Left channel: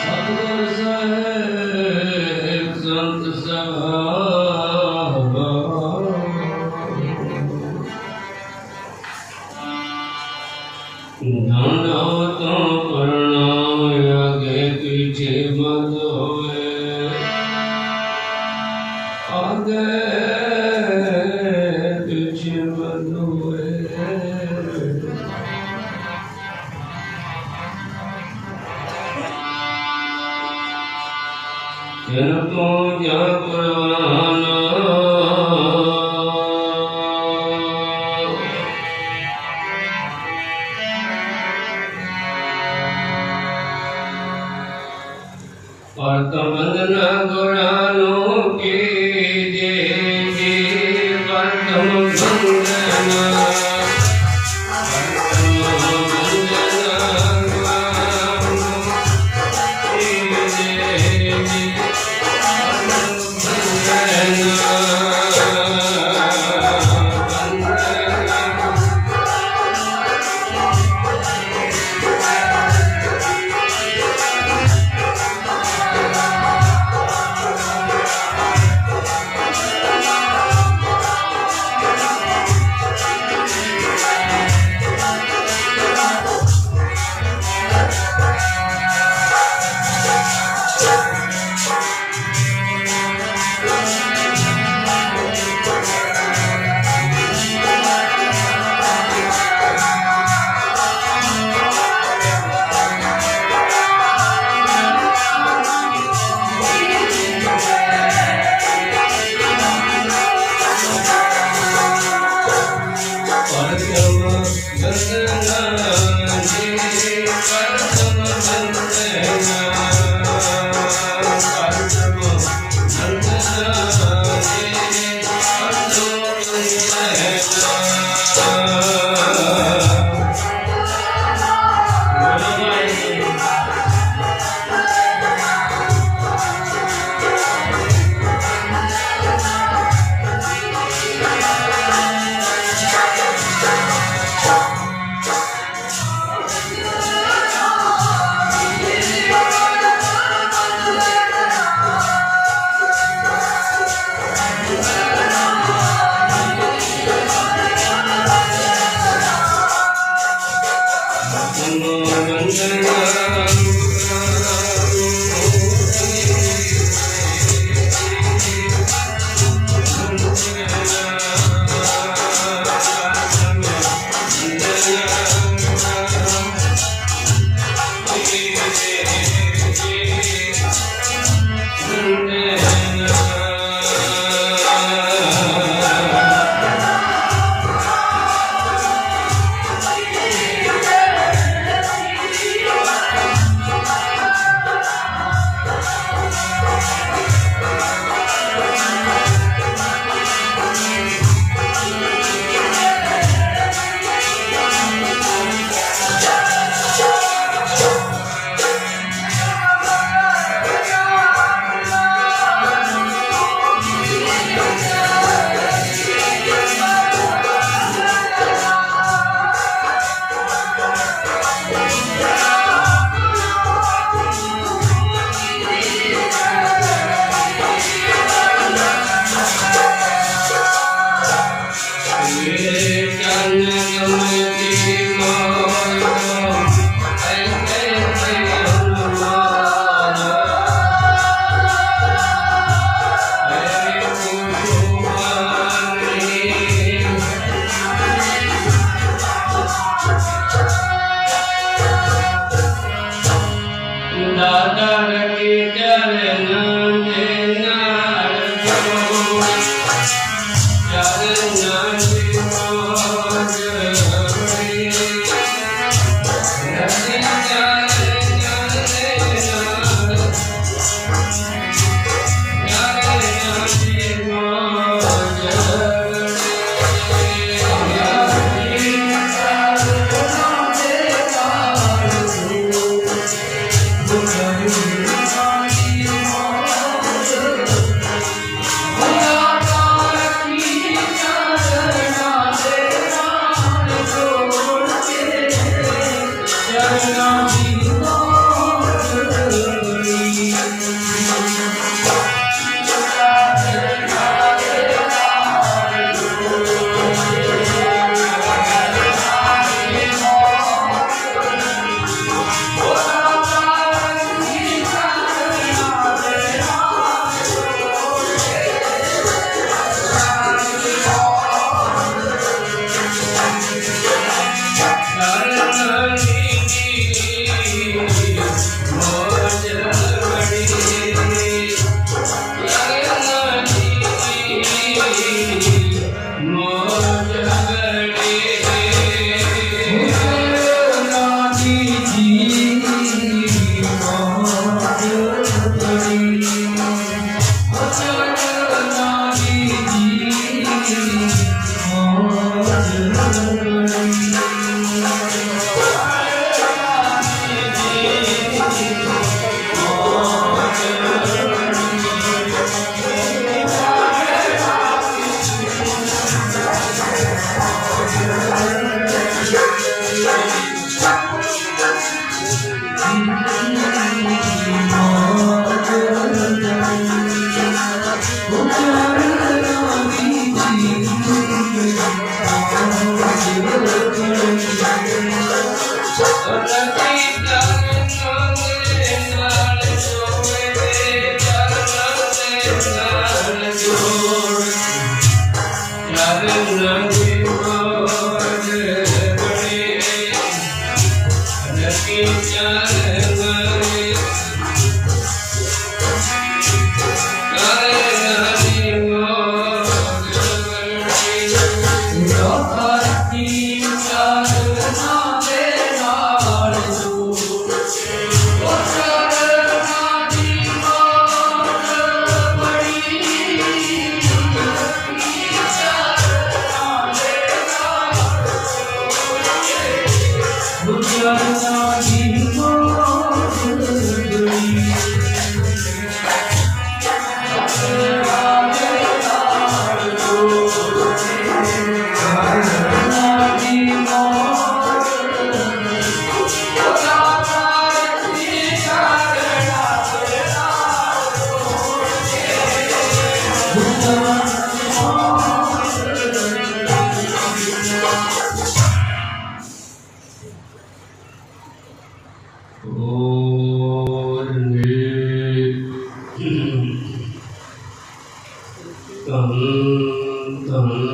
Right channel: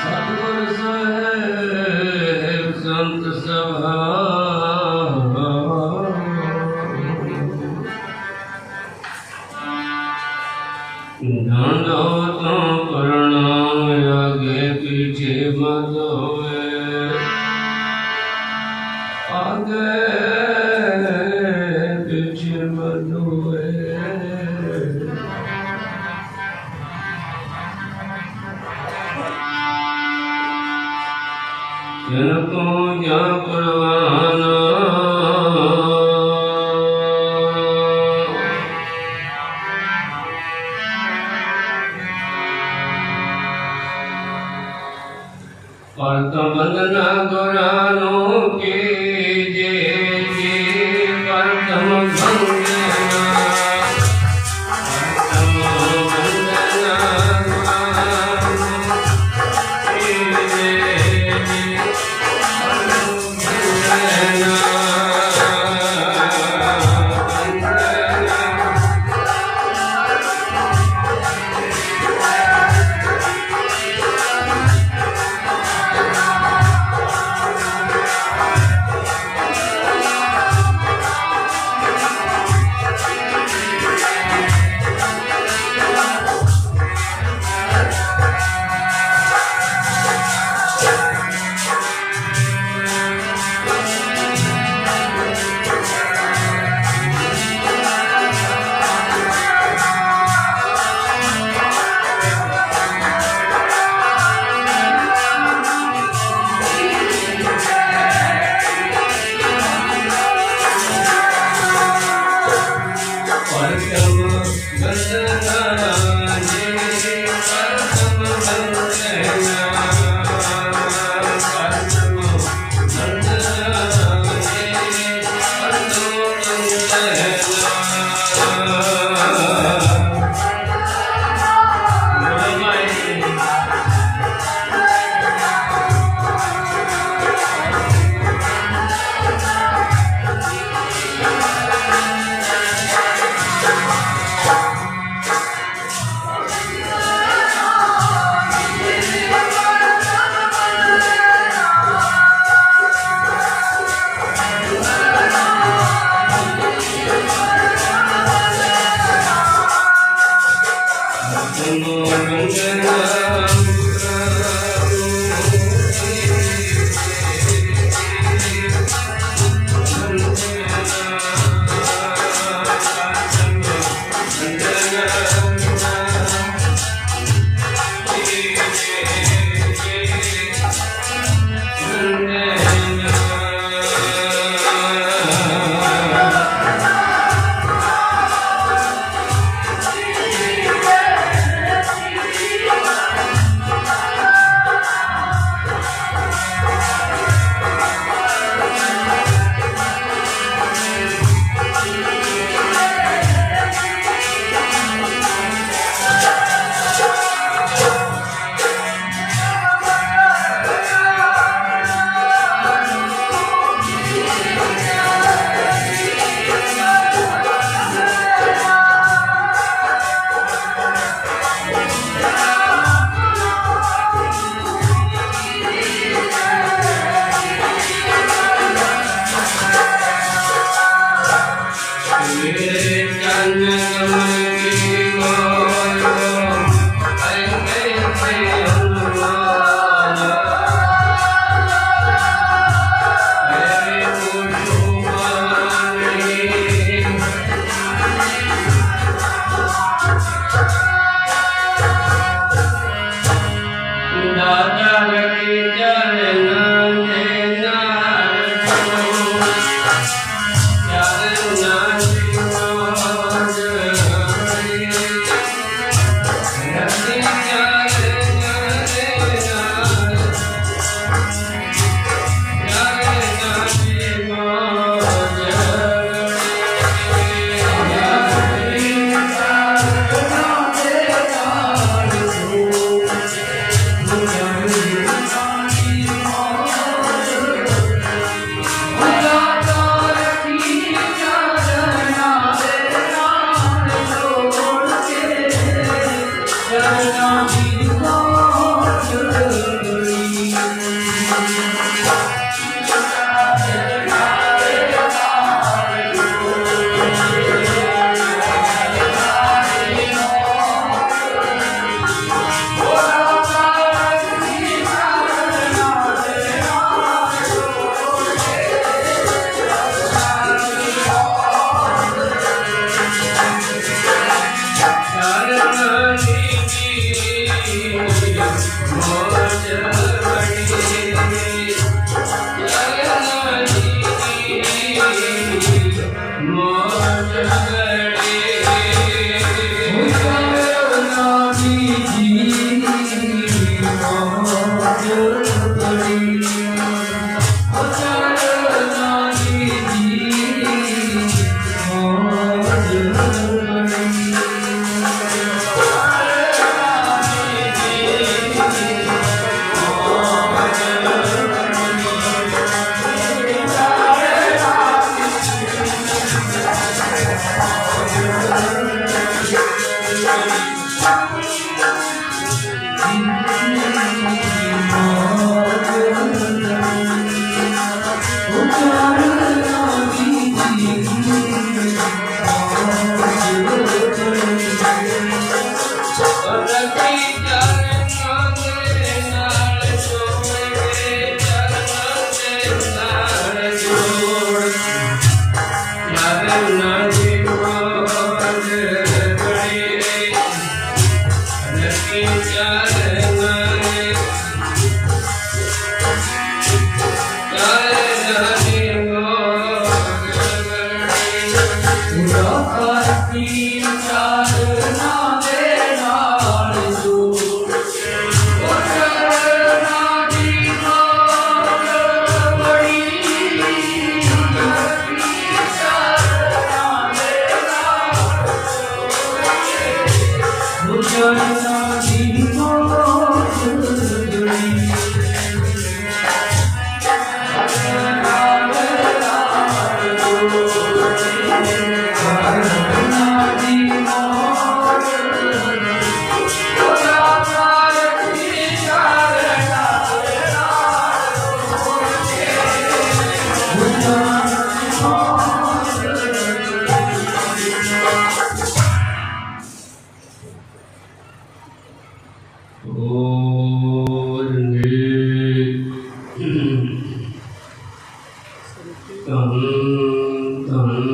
सतगुरु साहेब संत सभा ਜਨ ਤੋਂ ਜਾਂ ਪ੍ਰਵਾਨ